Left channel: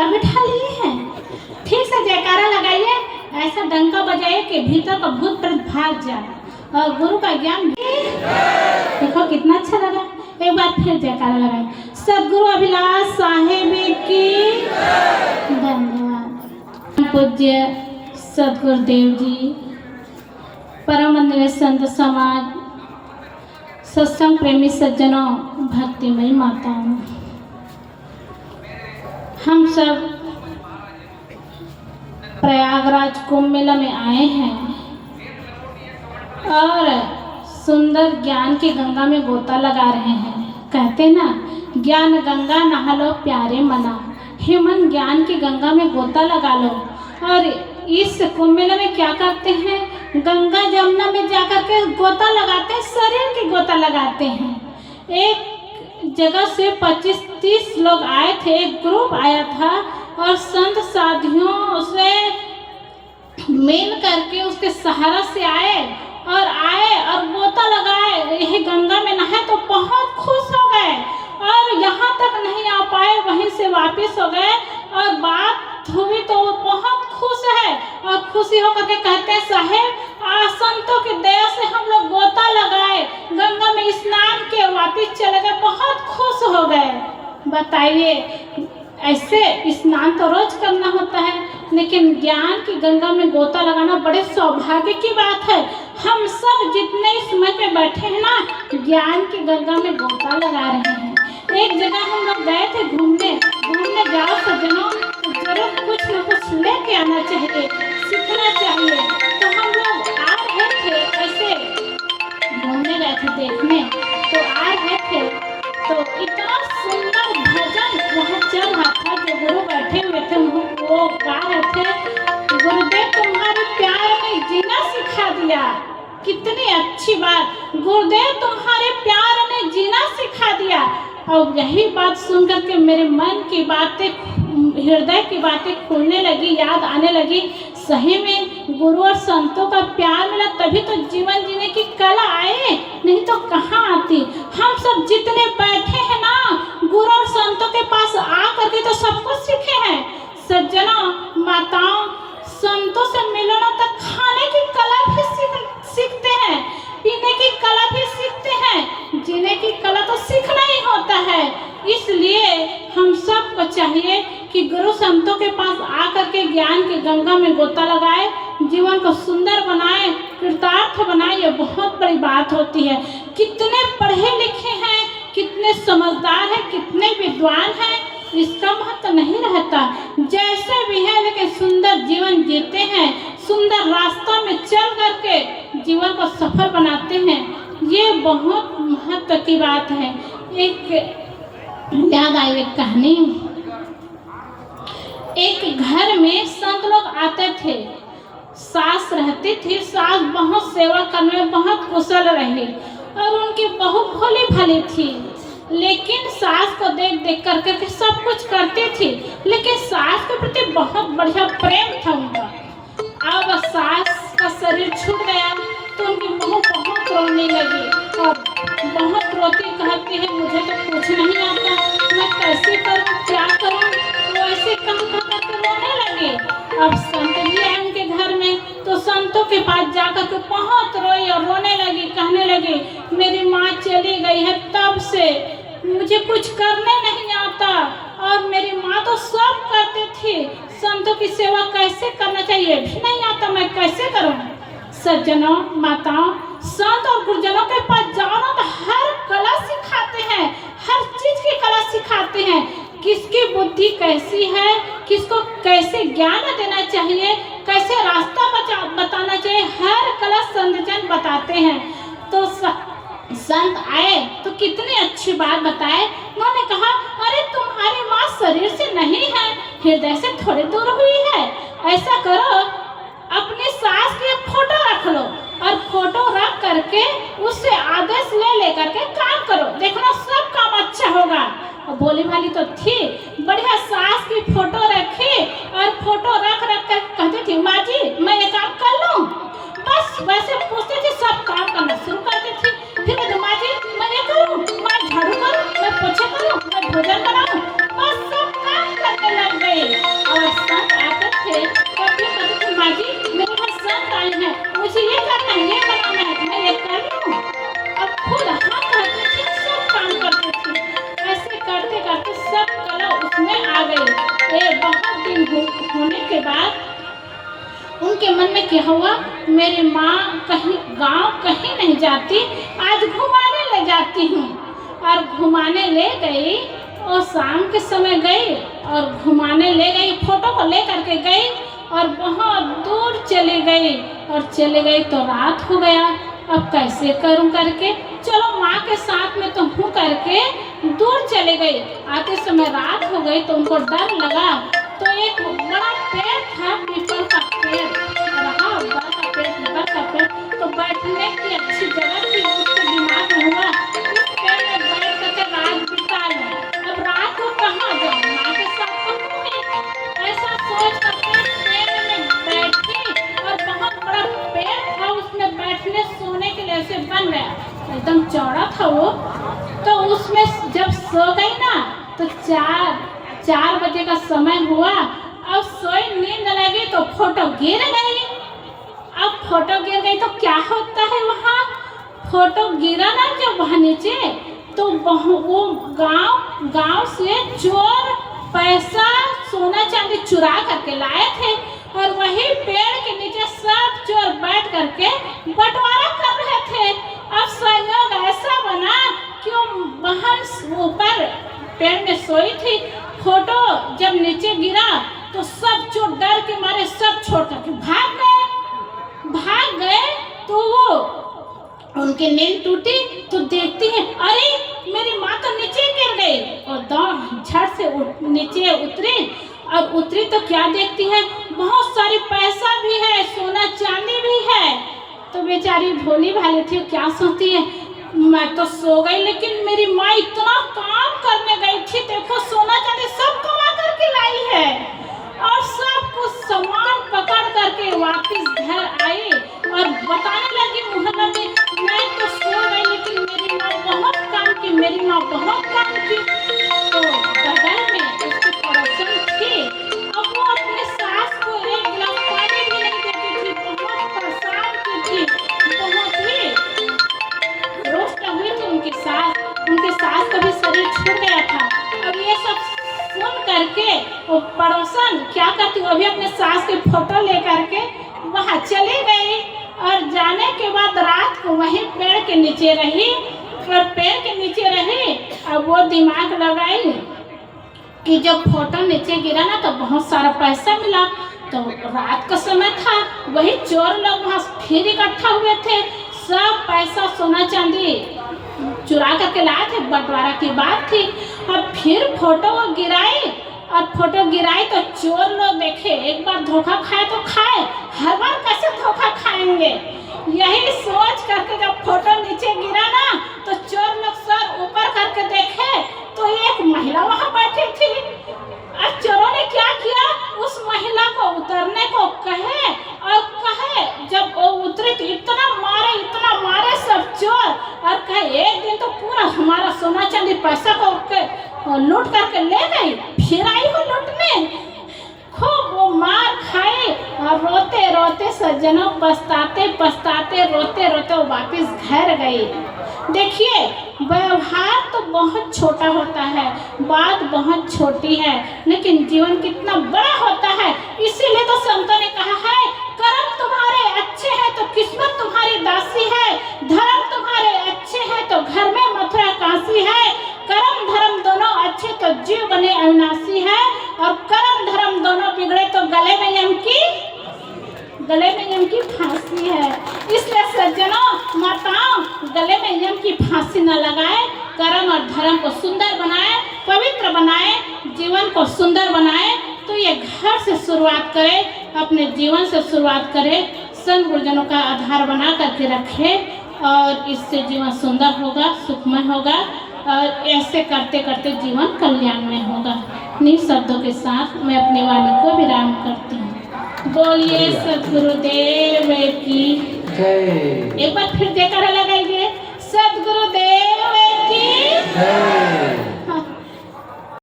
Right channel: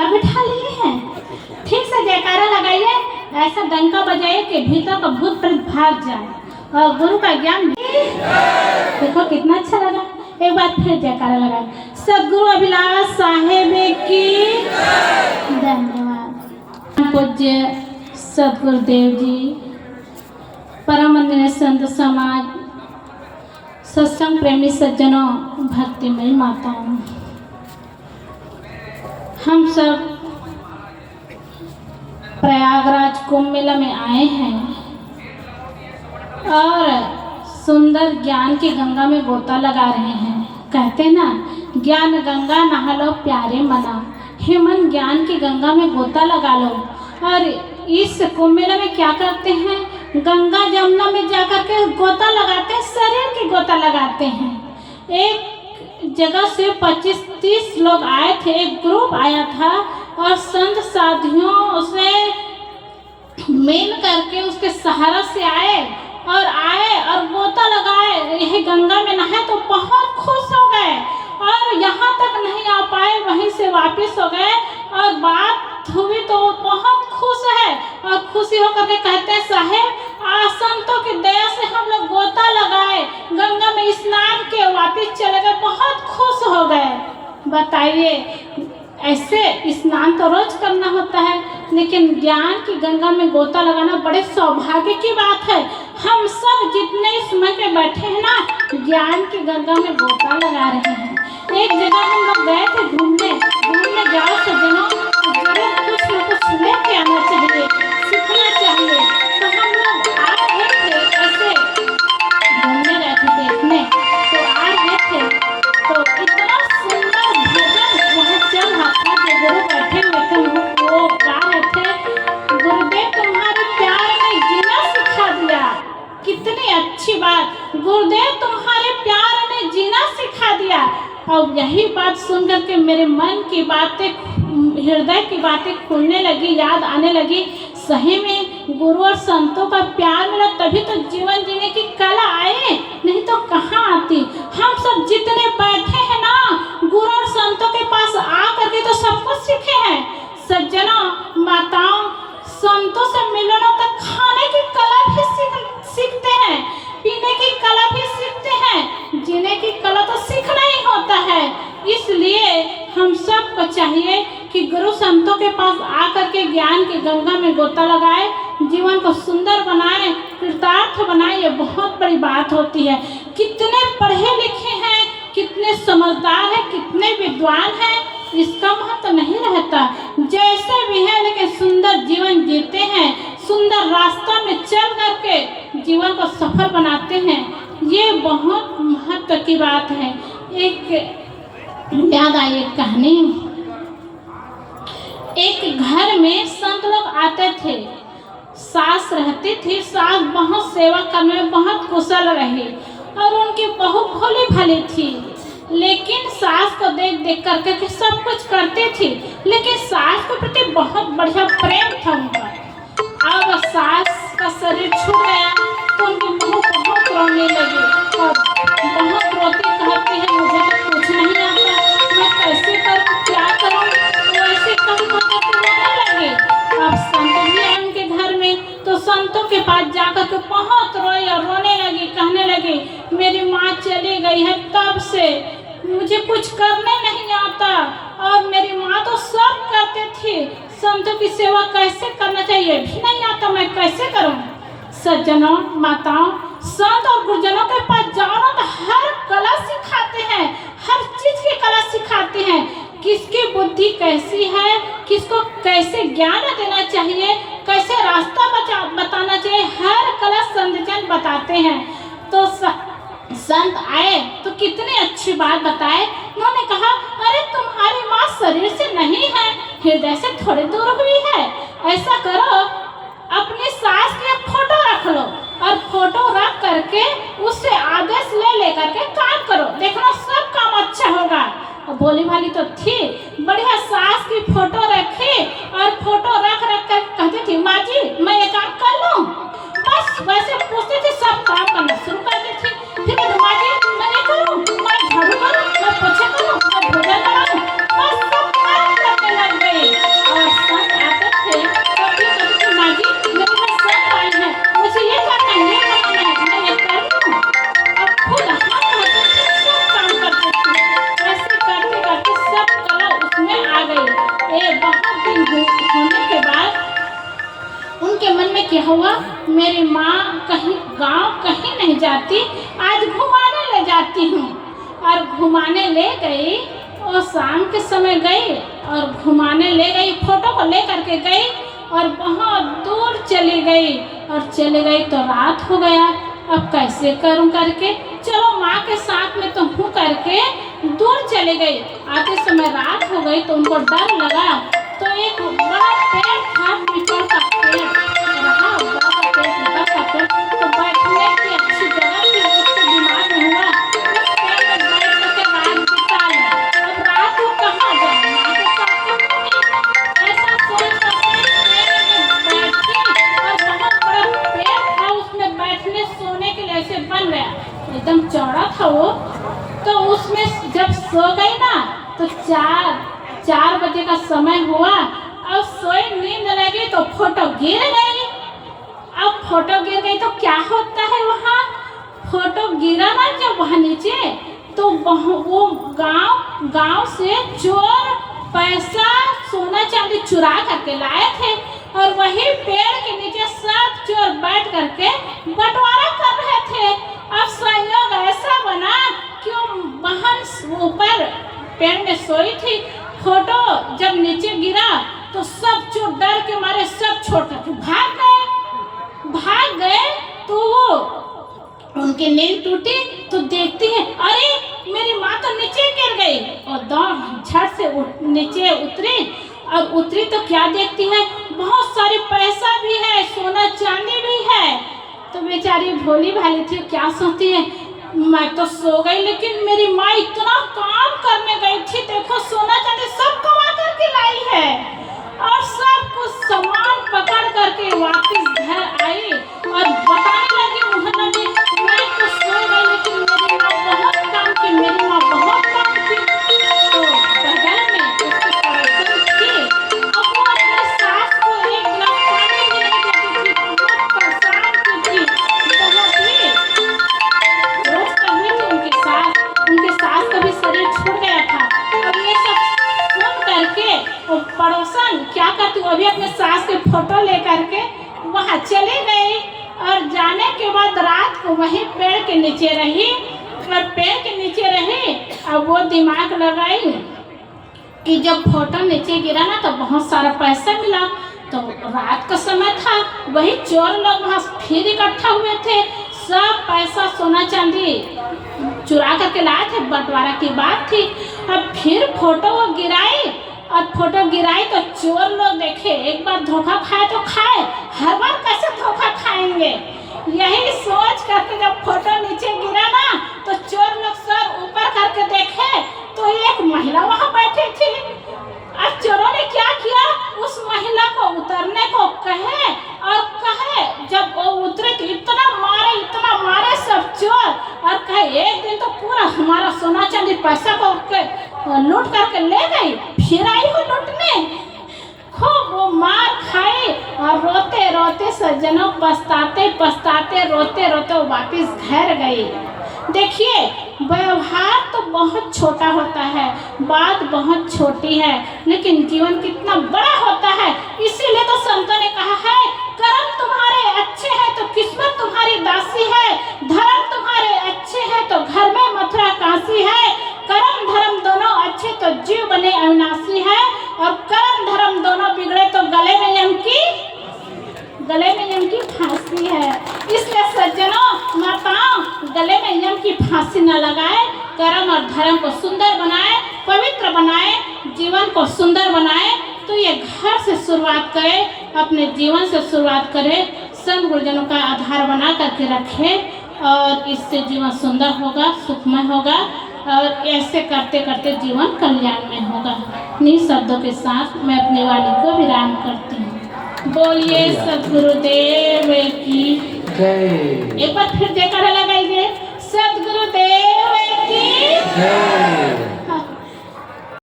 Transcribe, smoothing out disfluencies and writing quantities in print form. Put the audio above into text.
पर बिठा लिए हैं। ठीक से जयकारा लगाइए, ऐसा डंका बजाइए कि भीतर का भूत प्रेत भाग जाए और गुरु का ज्ञान। देखो कितना अच्छा लगा। एक बार फिर जयकारा लगाए। सदगुरु अभिलाष साहेब की धन्यवाद। पूज्य सदगुरुदेव जी, परम वंदनीय संत समाज, सत्संग प्रेमी सज्जनों, भक्तिमयी माताओं, हम सब प्रयागराज कुंभ मेला में आए हैं और सुंदर ज्ञान की गंगा में गोता लगा रहे हैं। कहते ना, ज्ञान गंगा नहा लो प्यारे मना, हे मन ज्ञान की गंगा में गोता लगा लो। और इस कुंभ मेला में क्या करते हैं, गंगा जमुना में जाकर के गोता लगाते हैं, शरीर की गोता लगाते हैं। एक जगह से 25-30 लोग आए थे, एक ग्रुप आया था और संत साधियों से मिल करके उसके सहारा से आए और गोता लगाए, यही गंगा में नहाए तो बहुत खुश हो गए और यहाँ तक नहीं आ पाए, वहीं से वापस हो गए और बात हुई तो बहुत खुश है और खुशी होकर के कहते हैं, साहेब आज संतों की दया से हम लोग गोता लगाए, गंगा में स्नान के वापस चले गए, बहुत खुश हो गए। बताइए, ऐसे स्नान तो रोज करना होता है, लेकिन ज्ञान की गंगा में गोता लगाना बड़े सौभाग्य की बात है। हम सब जितने इस मंच में बैठे हैं ना, ज्ञान की गंगा में गोता लगा रहे हैं। एक जगह हम लोग गए थे घूमने जाओ सज्जनों, जरूर कुछ न कुछ लेके आना चाहिए, सीखना चाहिए। तो हम लोग आ रहे थे, ऐसे घूमने गए थे देखने, तो आ रहे थे तो इतना सुंदर भजन वहाँ चल रहा था। जो गुरु बैठे हुए थे वो गा रहे थे, गुरुदेव तुम्हारे प्यार में जीना सिखा दिया। कितनी अच्छी बात, गुरुदेव तुम्हारे प्यार में जीना सिखा दिया। और यही बात सुनकर के मेरे मन की बातें, हृदय की बातें खुलने लगी, याद आने लगी। सही में गुरु और संतों का प्यार मिला तभी तो जीवन जीने की कला आए, नहीं तो कहाँ आती। हम सब जितने बैठे हैं ना, गुरु और संतों के पास आ करके तो सब कुछ सीखे हैं। सज्जनों, माताओं, संतों से मिलना तक खाने की कला भी सीखते हैं, पीने की कला भी सीखते हैं, जीने की कला तो सीखना ही होता है। इसलिए हम सबको चाहिए कि गुरु संतों के पास आकर के ज्ञान की गंगा में गोता लगाए, जीवन को सुंदर बनाए, कृतार्थ बनाए। ये बहुत बड़ी बात होती है। कितने पढ़े लिखे हैं, कितने समझदार हैं, कितने विद्वान हैं, इसका महत्व नहीं रहता। जैसे भी है लेकिन सुंदर जीवन जीते हैं, सुंदर रास्ता में चल करके जीवन को सफल बनाते हैं, ये बहुत महत्व की बात है। एक याद आई एक कहानी। एक घर में संत लोग आते थे, सास रहती थी। सास बहुत सेवा करने में बहुत कुशल रही और उनकी बहू भोली भाली थी, लेकिन सास को देख देख करके सब कुछ करती थी, लेकिन सास के प्रति बहुत बढ़िया प्रेम था उनका। अब सास का शरीर छूट गया तो उनकी बहू बहुत रोने लगी और बहुत रोती, कहती है मुझे तो कुछ नहीं आता, मैं कैसे करूँ, क्या करूँ। तो ऐसे कह रोने लगी। अब संत भी आए उनके घर में, तो संतों के पास जाकर के बहुत रोई और रोने लगी, कहने लगी मेरी माँ चली गई है तब से मुझे कुछ करने नहीं आता और मेरी माँ तो सब करती थी, संतों की सेवा कैसे करना चाहिए भी नहीं आता, मैं कैसे करूँ। सज्जनों, माताओं, संत और गुरुजनों के पास जाओ तो हर कला सिखाते हैं, हर चीज की कला सिखाते हैं। किसकी बुद्धि कैसी है, किसको कैसे ज्ञान देना चाहिए, कैसे रास्ता बताना चाहिए, हर कला संत जन बताते हैं। तो संत आए तो कितनी अच्छी बात बताए। उन्होंने कहा अरे तुम्हारी माँ शरीर से नहीं है, हृदय से थोड़ी दूर हुई है। ऐसा करो, अपनी सास की एक फोटो रख लो और फोटो रख करके उससे आदेश ले करके काम करो, देखना सब काम अच्छा होगा। और भोली भाली तो थी, बढ़िया सास की फोटो रखी और फोटो रख कर कहती थी माँ जी मैं ये काम कर लूँ, बस वैसे पूछती थी, सब काम करना शुरू करती थी। फिर माँ जी मैं ये करूँ, मैं झाड़ू करूँ, मैं पोछा करूँ, मैं भोजन बनाऊँ, बस सब काम करने लग गई। गई। बहुत दिन होने के बाद उनके मन में क्या हुआ, मेरी माँ कहीं गांव कहीं नहीं जाती, आज घुमाने ले जाती हूँ। और घुमाने ले गई, और शाम के समय गई और घुमाने ले गई, फोटो को ले करके गई और बहुत दूर चली गई। और चली गई तो रात हो गया। अब कैसे करूं करके, चलो माँ के साथ में तो हूँ करके दूर चली गई। आते समय रात हो गई तो उनको डर लगा, तो एक बड़ा पेड़ था, पीपल का पेड़ रहा, बड़ा सा पेड़, पीपल का पेड़, तो बैठने की अच्छी जगह थी। उसके दिमाग में हुआ इस पेड़ में बैठ करके रात बिता लूं। अब रात को कहाँ जाऊँ, माँ के साथ तो नहीं। ऐसा सोच करके पेड़ में बैठी, और बहुत बड़ा पेड़ था, उसमें बैठने सोने के लिए ऐसे बन गया, एकदम चौड़ा था वो। तो उसमें जब सो गई ना, तो 4 बजे का समय हुआ। अब सोई, नींद लगी तो फोटो गिर गई। अब फोटो गिर गई तो क्या होता है, वहाँ फोटो गिरा ना जब वहाँ नीचे, तो वो गांव से चोर पैसा सोना चांदी चुरा करके लाए थे, और वही पेड़ के नीचे सब चोर बैठ करके बंटवारा कर रहे थे। अब संयोग ऐसा बना कि बहन ऊपर पेड़ में सोई थी, फोटो जब नीचे गिरा तो सब चोर डर के मारे सब छोड़ करके भाग गए। तो वो उनकी नींद टूटी तो देखती है, अरे मेरी माँ तो नीचे गिर गई, और दौड़ झट से नीचे उतरी। और उतरी तो क्या देखती है, बहुत सारे पैसा भी है, सोना चांदी भी है। तो बेचारी भोली भाली थी, क्या सोचती है, मैं तो सो गई, लेकिन मेरी माँ इतना काम करने गई थी, देखो सोना चांदी सब कमा करके लाई है। और सब कुछ सामान पकड़ करके वापस घर आई और बताने लगी मोहल्ला में, मैं तो सो गई, लेकिन मेरी माँ बहुत काम की, मेरी माँ बहुत काम की। तो बगल में उसकी पड़ोसन थी, अब वो अपने सास को एक गिलास पानी भी नहीं देती थी, बहुत परेशान की थी, बहुत ही रोज कही थी उनके सास का भी शरीर छूट गया था। अब ये सब सुन करके वो पड़ोसन क्या करती, वो भी अपने सास के फोटो ले करके वहाँ चली गई। और जाने के बाद रात को वहीं पेड़ के नीचे रही, और पेड़ के नीचे रही। अब वो दिमाग लगाई कि जब फोटो नीचे गिरा ना तो बहुत सारा पैसा मिला, तो रात का समय था, वही चोर लोग वहाँ फिर इकट्ठा हुए थे, सब पैसा सोना चांदी चुरा करके लाए थे, बंटवारा की बात थी। अब फिर फोटो वो गिराई, और फोटो गिराई तो चोर लोग देखे, एक बार धोखा खाए तो खाए, हर बार कैसे धोखा खाएंगे। यही सोच करके जब फोटो नीचे गिरा ना, तो चोर लोग सर ऊपर करके देखे तो एक महिला वहाँ बैठी थी। अब चोरों ने क्या किया, उस महिला को उतरने को कहे, और कहे जब वो उतरे तो इतना मारे सब चोर, और कहे एक दिन तो पूरा हमारा सोना चांदी पैसा को लूट करके ले गई, फिर आई हो लूटने। खूब वो मार खाए, और रोते रोते सज्जनों पछताते रोते वो वापस घर गई। देखिए, व्यवहार तो बहुत छोटा होता है, बात बहुत छोटी है, लेकिन जीवन कितना बड़ा होता है। इसीलिए तो संतों ने कहा है, कर्म तुम्हारे अच्छे हैं तो किस्मत तुम्हारी दासी है, धर्म तुम्हारे अच्छे हैं तो घर में मथुरा काशी है, कर्म धर्म दोनों अच्छे तो जीव बने अविनाशी है, और कर्म धर्म दोनों बिगड़े तो गले में यम की फांसी है। इसलिए सज्जनों माताओं, गले में यम की फांसी न लगाए, कर्म और धर्म को सुंदर बनाए, पवित्र बनाए, जीवन को सुंदर बनाए। तो ये घर से शुरुआत करें, अपने जीवन से शुरुआत करें, संत गुरुजनों का आधार बना करके रखें, और इससे जीवन सुंदर होगा, सुखमय होगा, और ऐसे करते करते जीवन कल्याण में होगा। इन्हीं शब्दों के साथ मैं अपनी वाणी को विराम करती हूँ। बोलिए सद्गुरुदेव की जय। एक बार फिर जयकारा लगाइए, सद्गुरुदेव की जय।